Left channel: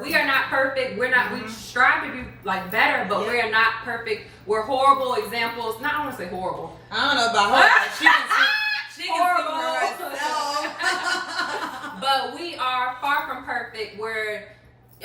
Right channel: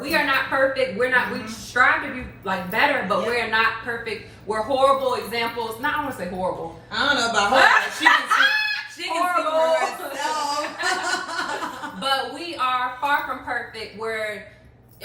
We are not perfect. We're not. We strive to be like better, but we are not perfect. We're horrible examples. Not I want to say horrible. I don't know about her. She can speak for herself. But we are far from perfect.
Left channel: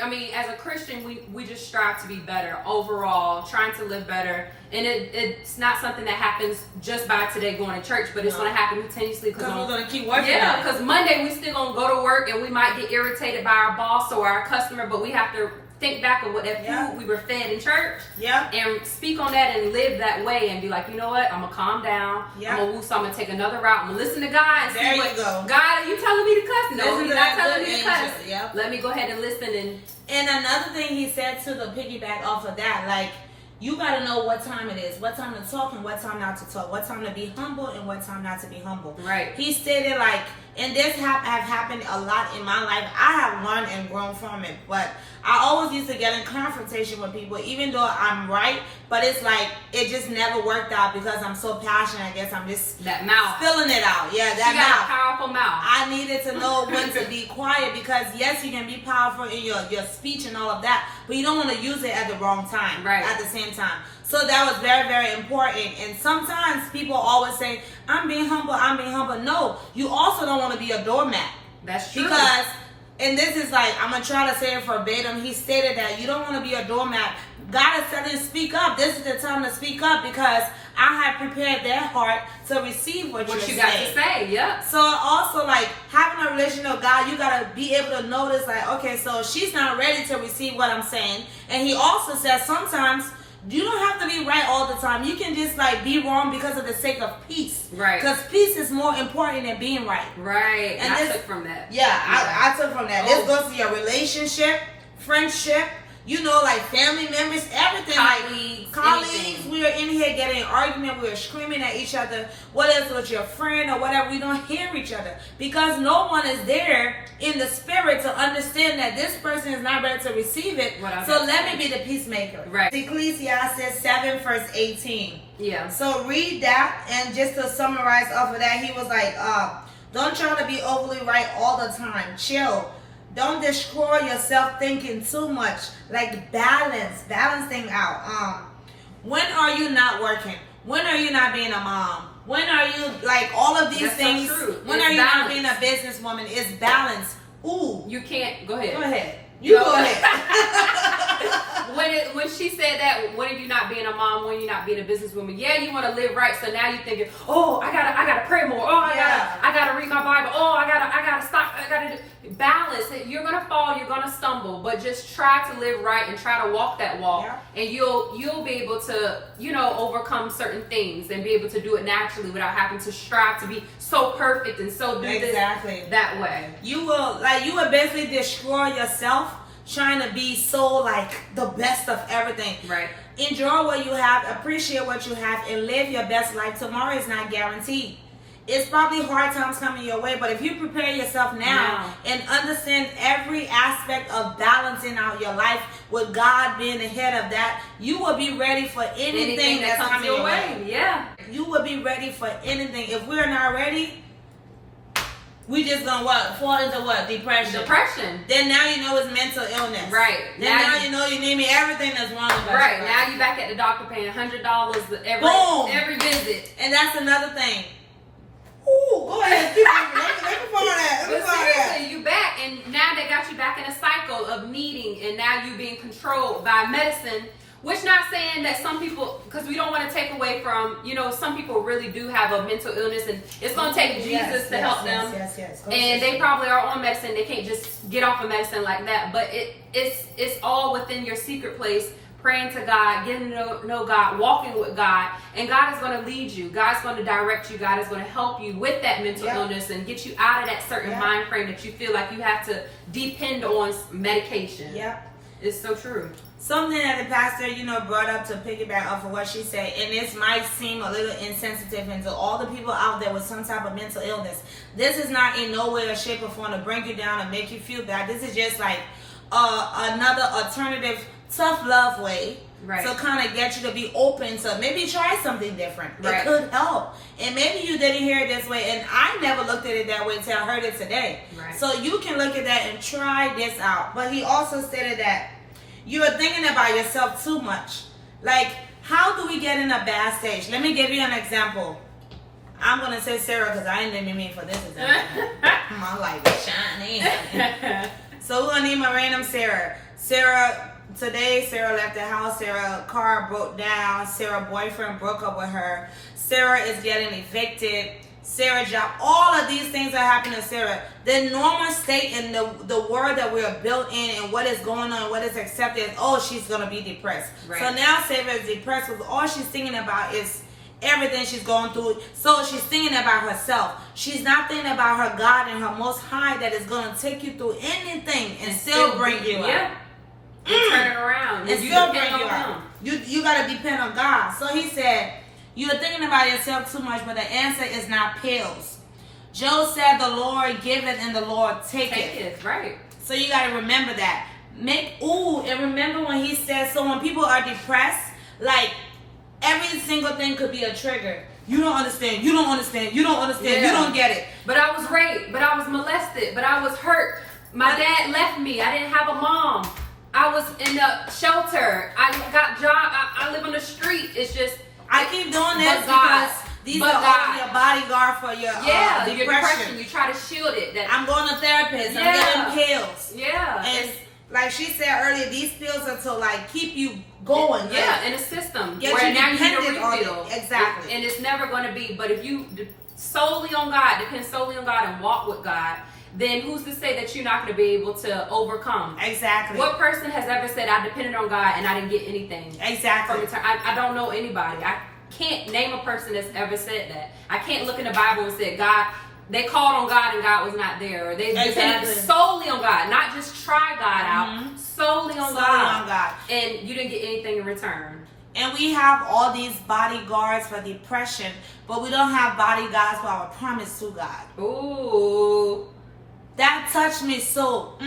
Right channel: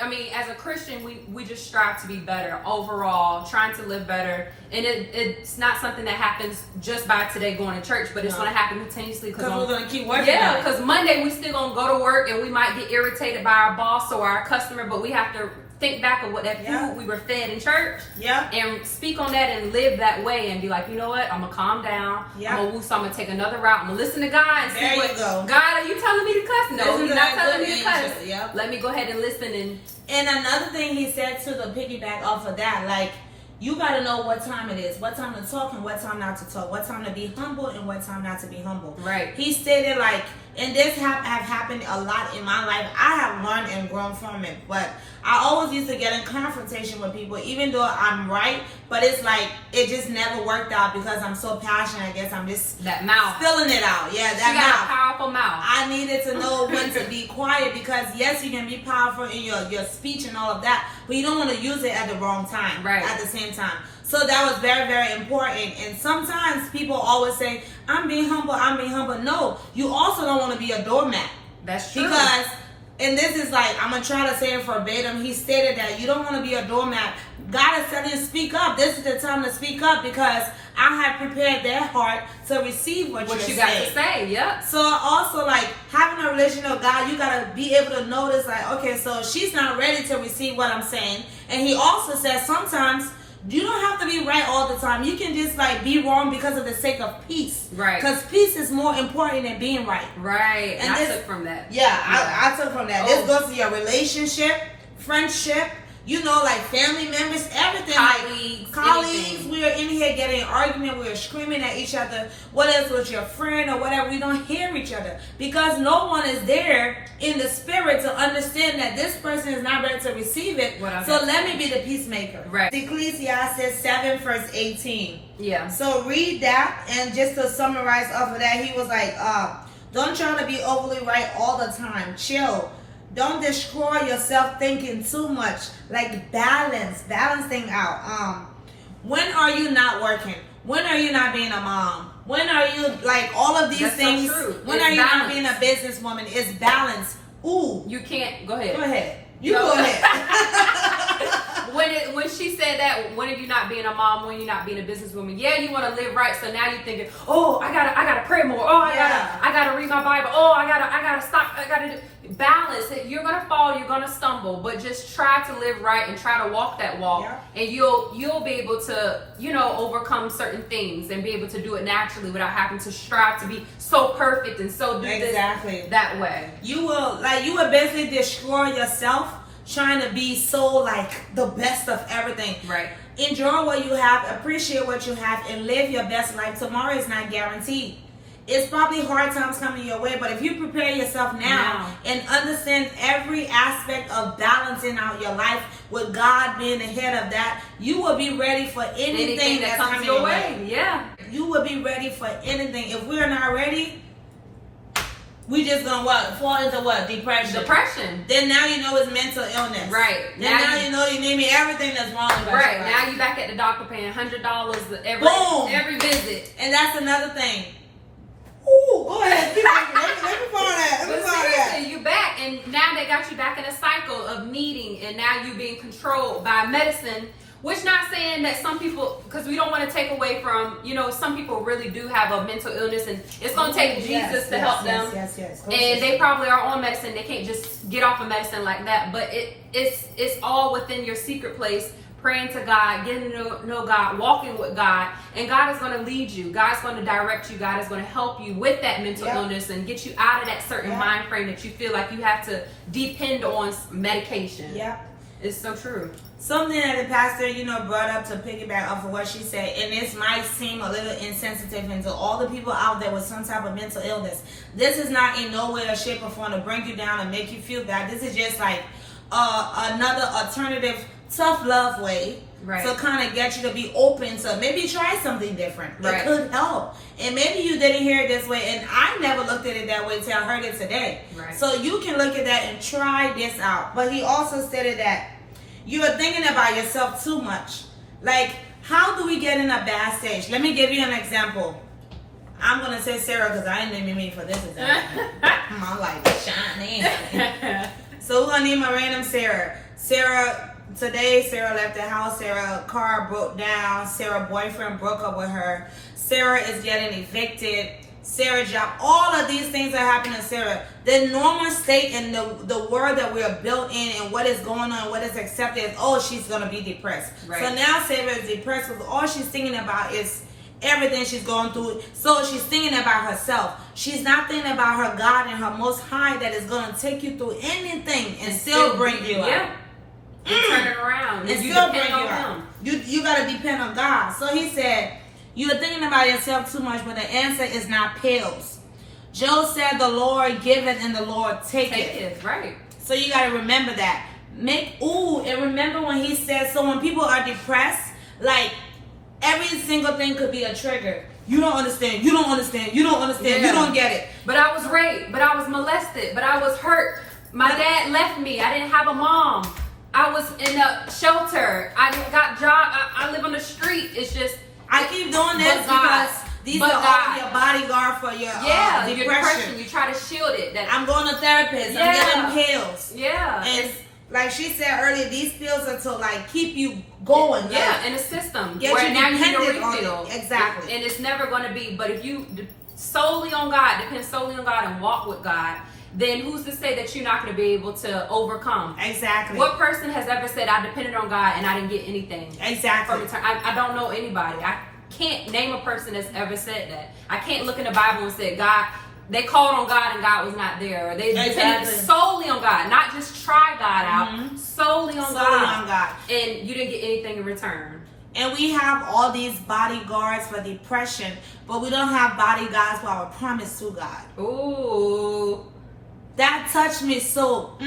I mean, as a Christian, we just strive to be better overall, trying to live better. And it's not something that happens just by today going to church, but it's going to happen continuously. Because we're going to keep working. Yeah, because Monday we still going to go to work and we might get irritated by our boss or our customer, but we have to think back of what that food we were fed in church. And speak on that and live that way and be like, you know what? I'm going to calm down. I'm going to take another route. I'm going to listen to God and see what, God, are you telling me to cuss? No, you're not telling me to cuss. Let me go ahead and listen. And another thing he said to the piggyback off of that, like, you got to know what time it is, what time to talk and what time not to talk, what time to be humble and what time not to be humble. Right. He stated, like, and this have happened a lot in my life. I have learned and grown from it, but I always used to get in confrontation with people, even though I'm right, but it's like, it just never worked out because I'm so passionate. I guess I'm just that mouth spilling it out. Yeah, that she got a powerful mouth. I needed to know when to be quiet because yes, you can be powerful in your speech and all of that, but you don't want to use it at the wrong time. Right. At the same time. So that was very, very important. And sometimes people always say, I'm being humble. No, you also don't want to be a doormat. That's true. Because, and this is like, I'm going to try to say it verbatim. He stated that you don't want to be a doormat. God is telling you to speak up. This is the time to speak up because I have prepared their heart to receive what you got to say. Yeah. So also, like, having a relationship with God, you got to be able to notice, like, okay, so she's not ready to receive what I'm saying. And he also says sometimes you don't have to be right all the time. You can just like be wrong because of the sake of peace. Right. Because peace is more important than being right. Right. And I took from that. Yeah, I took from that. This goes to your relationship, friendship, you know, like family members, everything. Colleagues. We are in here getting an argument. We are screaming at each other. Whether it's with your friend or whatever, we don't hear each other because no one is there in the spirit to understand that this person is not ready to receive it. So let me be the peacemaker. Right. Ecclesiastes 7 verse 18. Yeah. So read that, and just to summarize off of that, he was like, don't try to be overly right all the time. Chill. Don't destroy yourself thinking too much. Like balancing out. When are you not working? When are you not being a mom? When are you, like, all of these things? So when are you not being a businesswoman? It's balance. Ooh. You can't. Go ahead. Go ahead. Go ahead. When she said that, when are you not being a mom? When you're not being a businesswoman? Yeah, you want to live right. So now you're thinking, oh, I gotta pray more. Oh, I gotta read my Bible. Oh, I gotta stop. I gotta balance. You're gonna fall. You're gonna stumble. But just try to live right and try to walk that walk, and you'll be able to, overcome certain things and be able to do it naturally without having to strive to be so perfect and so do this that way. You will basically destroy yourself trying to be so like the best of everything. Right. Enjoy what you have, appreciate what you have, and live your best life. Tomorrow is not guaranteed. It's probably hard times coming your way, but if you prepare yourself now and understand every aspect of balancing out your life with God being the head of that, you will be ready for anything that's coming your way. Yeah. You will be ready for anything. If we're not ready, we just gonna fall into depression. Then now you know it's mental illness. Right. Then now you know you name me everything that's wrong about you. Right. Now you back at the doctor paying $100 every visit. And that's another thing. Ooh, go ahead. Keep let me find that. You back, and now they got you back in a cycle of needing, and now you being controlled by medicine. Which not saying that some people, because we don't want to take away from, some people really do have a mental illness, and it's going to take Jesus to help them. Yes. And they probably are on medicine. They can't just get off of medicine like that. But it's all within your secret place, praying to God, getting to know God, walking with God. And God is going to lead you. God's going to direct you. God is going to help you with that mental illness and get you out of that certain mind frame that you feel like you have to depend on medication. Yeah. It's so true. Something that the pastor, brought up to piggyback off of what she said, and this might seem a little insensitive into all the people out there with some type of mental illness. This is not in no way or shape or form to bring you down and make you feel bad. This is just like another alternative tough love way Right. So kind of get you to be open to maybe try something different. Right. It could help. And maybe you didn't hear it this way, and I never looked at it that way until I heard it today. Right. So you can look at that and try this out. But he also stated that you are thinking about yourself too much. Like, how do we get in a bad stage? Let me give you an example. I'm going to say Sarah because I didn't mean for this example. I'm like, shiny. So we're going to name a random Sarah. Today, Sarah left the house. Sarah's car broke down. Sarah's boyfriend broke up with her. Sarah is getting evicted. Sarah's job. All of these things are happening to Sarah. The normal state and the word that we are built in and what is going on, what is accepted is, oh, she's going to be depressed. Right. So now Sarah is depressed because all she's thinking about is everything she's going through. So she's thinking about herself. She's not thinking about her God and her Most High that is going to take you through anything and still bring you out. And turn it around. And still bring you out. You got to depend on God. So he said, you're thinking about yourself too much, but the answer is not pills. Job said, the Lord giveth and the Lord taketh. Right. So you got to remember that. And remember when he said, so when people are depressed, like every single thing could be a trigger. You don't understand. You don't understand. You don't understand. Yeah. You don't get it. But I was raped. But I was molested. But I was hurt. My dad left me. I didn't have a mom. I was in a shelter. I got job. I live on the street. It's just. I keep doing this because these are all your bodyguard for your depression. You try to shield it. I'm going to therapist. I'm getting pills. Yeah. And like she said earlier, these pills are to like keep you going. Yeah, like, in a system. Get where you now you need dependent a on refill. it. Exactly. And it's never going to be. But if you solely on God, depend solely on God and walk with God, then who's to say that you're not going to be able to overcome? Exactly. What person has ever said, I depended on God and I didn't get anything? Exactly. I don't know anybody. I can't name a person that's ever said that. I can't look in the Bible and say, God, they called on God and God was not there. Or they depended solely on God, not just try God out, solely on God. And you didn't get anything in return. And we have all these bodyguards for depression, but we don't have bodyguards for our promise to God. Ooh. That touched me so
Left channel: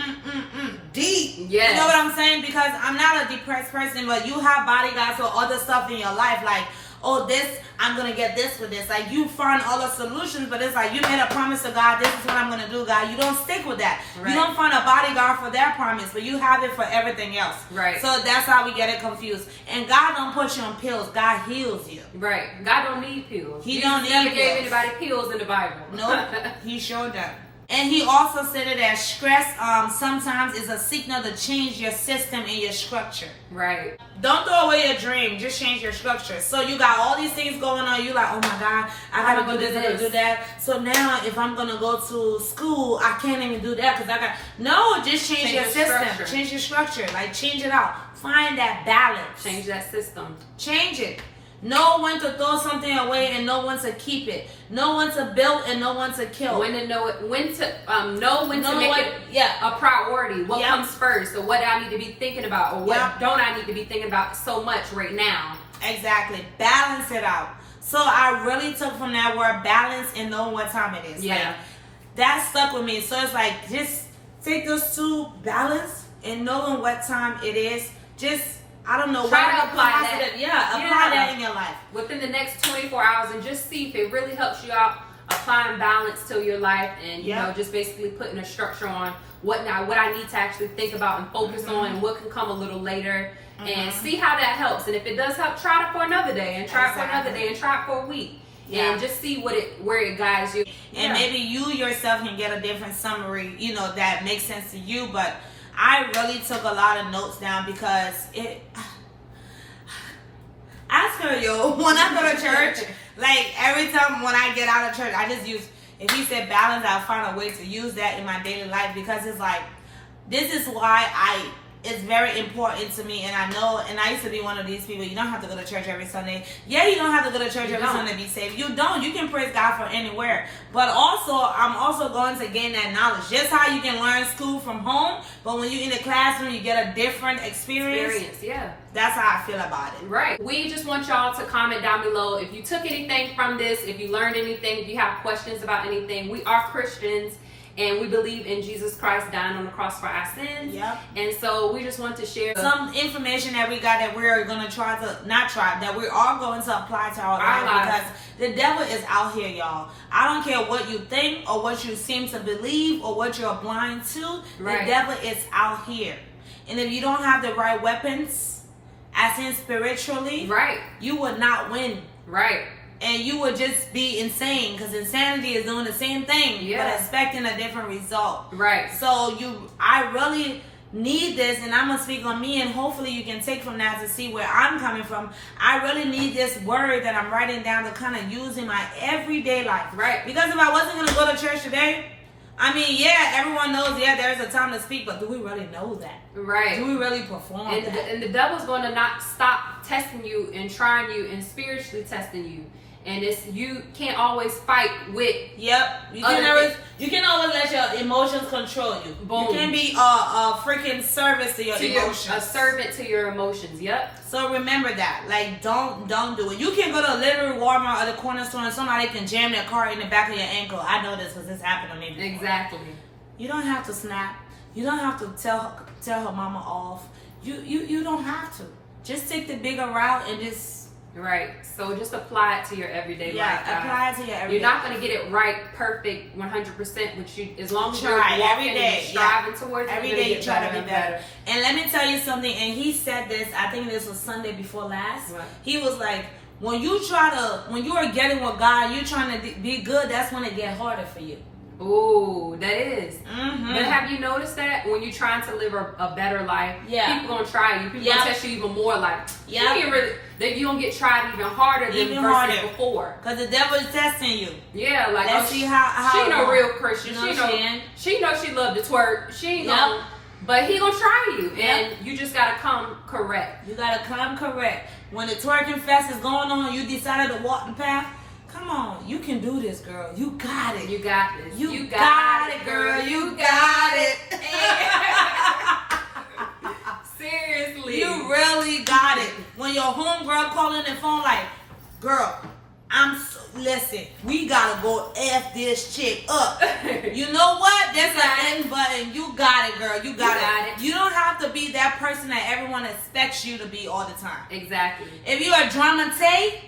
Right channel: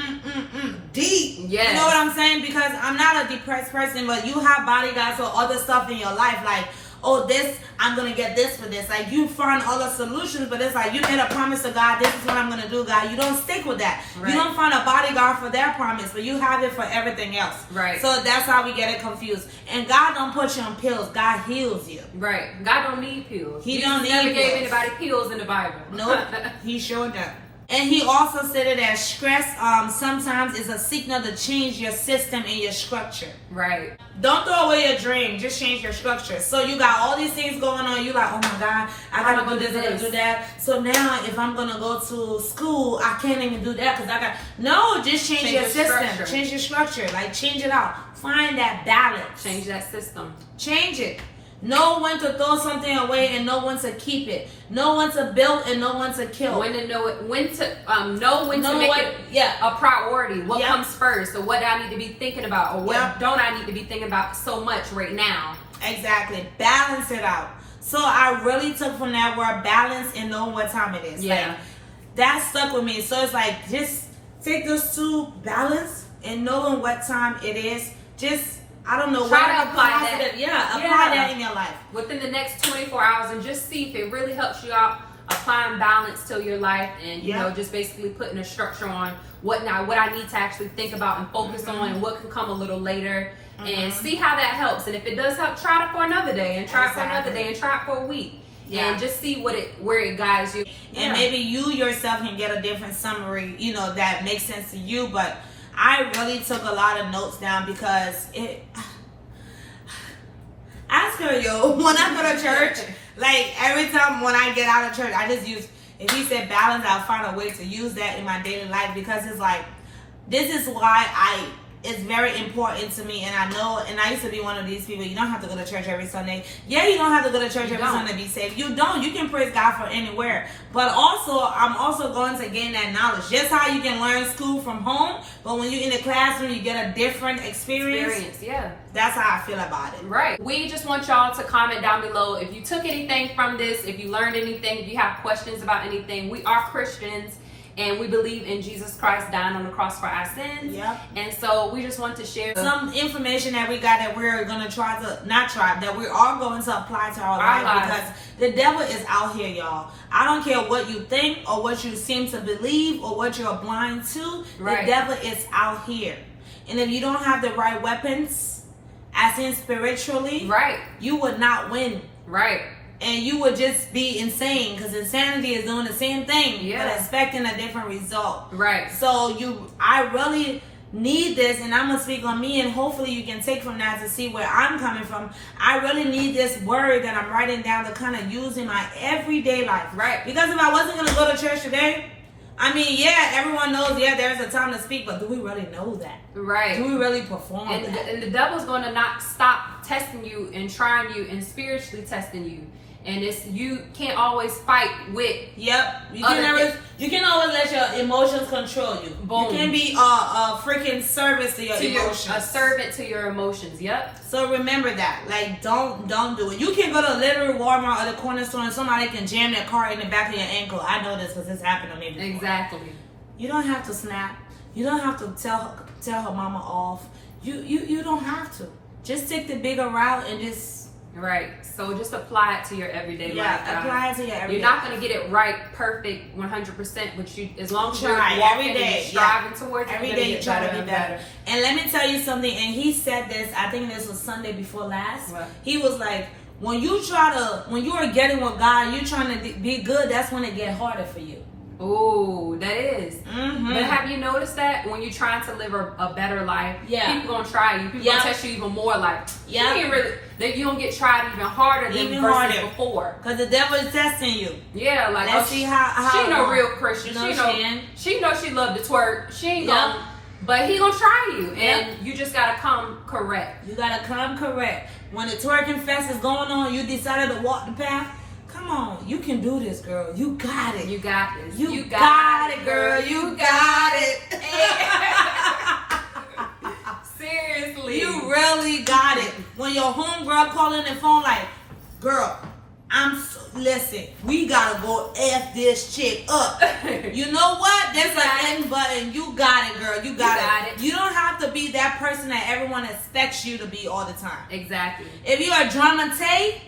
deep. Yes. You know what I'm saying? Because I'm not a depressed person, but you have bodyguards for other stuff in your life. Like, oh, this, I'm going to get this for this. Like, you find other solutions, but it's like you made a promise to God, this is what I'm going to do, God. You don't stick with that. Right. You don't find a bodyguard for that promise, but you have it for everything else. Right. So that's how we get it confused. And God don't put you on pills. God heals you. Right. God don't need pills. He don't need never pills. gave anybody pills in the Bible. Nope. He showed them. And he also said that stress sometimes is a signal to change your system and your structure. Right. Don't throw away your dream. Just change your structure. So you got all these things going on. You like, oh my God, I gotta do this, I gotta do that. So now if I'm gonna go to school, I can't even do that because I got no. Just change your system. Structure. Change your structure. Like change it out. Find that balance. Change that system. Change it. Know when to throw something away and know when to keep it. Know when to build and know when to kill. When to know it. When to make it a priority. What comes first, or what I need to be thinking about, or what don't I need to be thinking about so much right now. Exactly. Balance it out. So I really took from that word balance and knowing what time it is. Yeah. Like, that stuck with me. So it's like just take those two, balance and knowing what time it is. Just I don't know. Try to apply that. Apply that in your life. Within the next 24 hours and just see if it really helps you out applying balance to your life and, you know, just basically putting a structure on what I need to actually think about and focus on and what can come a little later and see how that helps. And if it does help, try it for another day and try it for another day and try it for a week. And just see where it guides you. And maybe you yourself can get a different summary, you know, that makes sense to you, but I really took a lot of notes down because ask her, when I go to church, like every time when I get out of church, I just use, if he said balance, I'll find a way to use that in my daily life because it's like, this is why it's very important to me. And I know, and I used to be one of these people, you don't have to go to church every Sunday. Yeah, you don't have to go to church every Sunday to be saved. You don't. You can praise God for anywhere. But also, I'm also going to gain that knowledge. Just how you can learn school from home, but when you're in the classroom, you get a different experience. Yeah. That's how I feel about it. Right. We just want y'all to comment down below if you took anything from this, if you learned anything, if you have questions about anything. We are Christians. and we believe in Jesus Christ dying on the cross for our sins. Yep. And so we just want to share some information that we got that we're going to that we are going to apply to our life, because the devil is out here, y'all. I don't care what you think or what you seem to believe or what you're blind to. The devil is out here. And if you don't have the right weapons, as in spiritually, you would not win. And you would just be insane, because insanity is doing the same thing, but expecting a different result. So I really need this, and I'm gonna speak on me, and hopefully you can take from that to see where I'm coming from. I really need this word that I'm writing down to kind of use in my everyday life. Because if I wasn't gonna go to church today, I mean, everyone knows, there's a time to speak, but do we really know that? Do we really perform that? And the devil's going to not stop testing you and trying you and spiritually testing you. And you can't always fight with. You can always let your emotions control you. You can be a freaking service to your emotions. A servant to your emotions. So remember that. Like, don't do it. You can go to a literal Walmart or the corner store and somebody can jam their car in the back of your ankle. I know this because this happened to me before. Exactly. You don't have to snap. You don't have to tell her mama off. You don't have to. Just take the bigger route and just. So just apply it to your everyday life. Apply it to your everyday. You're not going to get it right, perfect, 100%, but as long as you're walking every day, and striving towards it, every day you try to be better. And let me tell you something. And he said this. I think this was Sunday before last. He was like, when you are getting with God, you're trying to be good. That's when it get harder for you. Oh, that is. But have you noticed that when you're trying to live a better life, people gonna try you. People gonna test you even more. Like you don't get tried even harder than versus before. Because the devil is testing you. Like let's see how she ain't no real Christian. She know she love to twerk. She ain't gonna. But he gonna try you, and you just gotta come correct. You gotta come correct. When the twerking fest is going on, you decided to walk the path. Come on, you can do this, girl. You got it. You got this. You got it, girl. You got it. Seriously. You really got it. When your homegirl calling the phone like, girl, listen, we gotta go F this chick up. You know what? There's an end button. You got it, girl. You got it. You don't have to be that person that everyone expects you to be all the time. Exactly. If you're a drama Tay,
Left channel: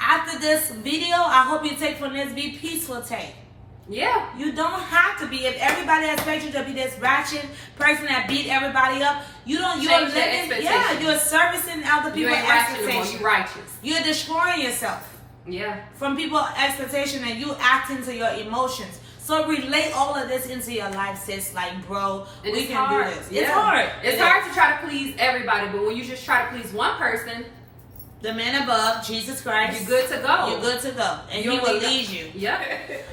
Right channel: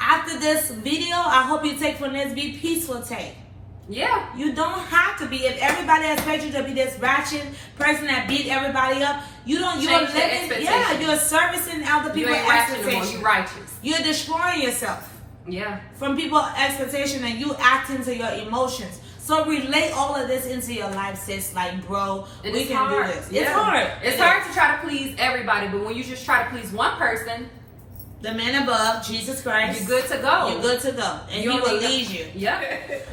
after this video, I hope you take from this, be peaceful, Tay. You don't have to be. If everybody expects you to be this ratchet person that beat everybody up, you're servicing other people's expectations. You're righteous. You're destroying yourself. From people's expectation, and you acting to your emotions. So relate all of this into your life, sis. Like, bro, we can do this. It's hard. It's hard to try to please everybody, but when you just try to please one person, the man above, Jesus Christ, you're good to go. You're good to go. And he will lead you.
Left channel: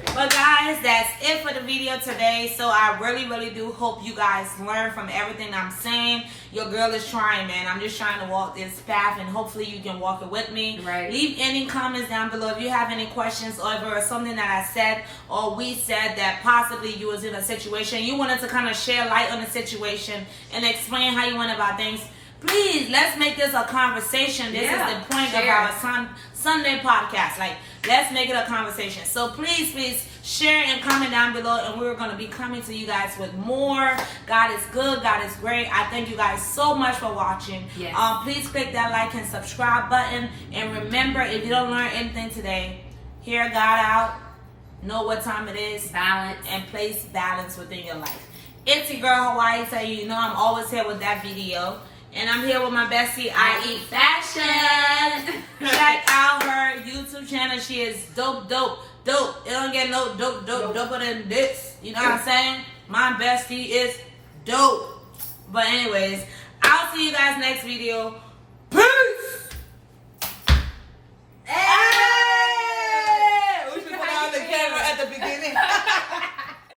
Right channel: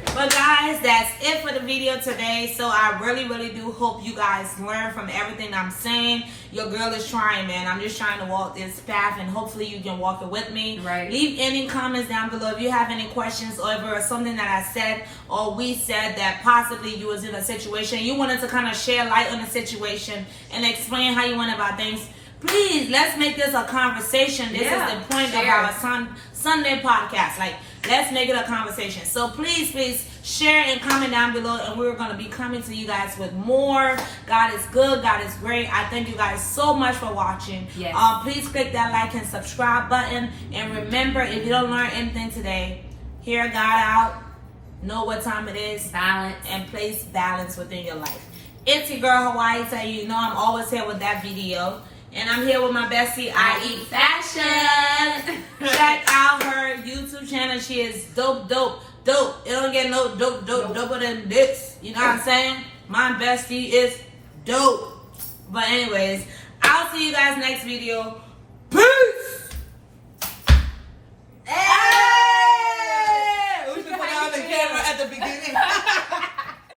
But guys, that's it for the video today. So I really, really do hope you guys learn from everything I'm saying. Your girl is trying, man. I'm just trying to walk this path, and hopefully you can walk it with me. Leave any comments down below if you have any questions, or if there was something that I said or we said that possibly you was in a situation, you wanted to kind of share light on the situation and explain how you went about things. Please, let's make this a conversation. This is the point of our Sunday podcast. Like, let's make it a conversation. So please share and comment down below, and we're going to be coming to you guys with more. God is good. God is great. I thank you guys so much for watching. Please click that like and subscribe button. And remember, if you don't learn anything today, hear God out, know what time it is, balance, and place balance within your life. It's your girl Hawaiita. You know I'm always here with that video. And I'm here with my bestie, I Eat Fashion. Check out her YouTube channel. She is dope. It don't get no doper than this. You know what I'm saying? My bestie is dope. But anyways, I'll see you guys next video.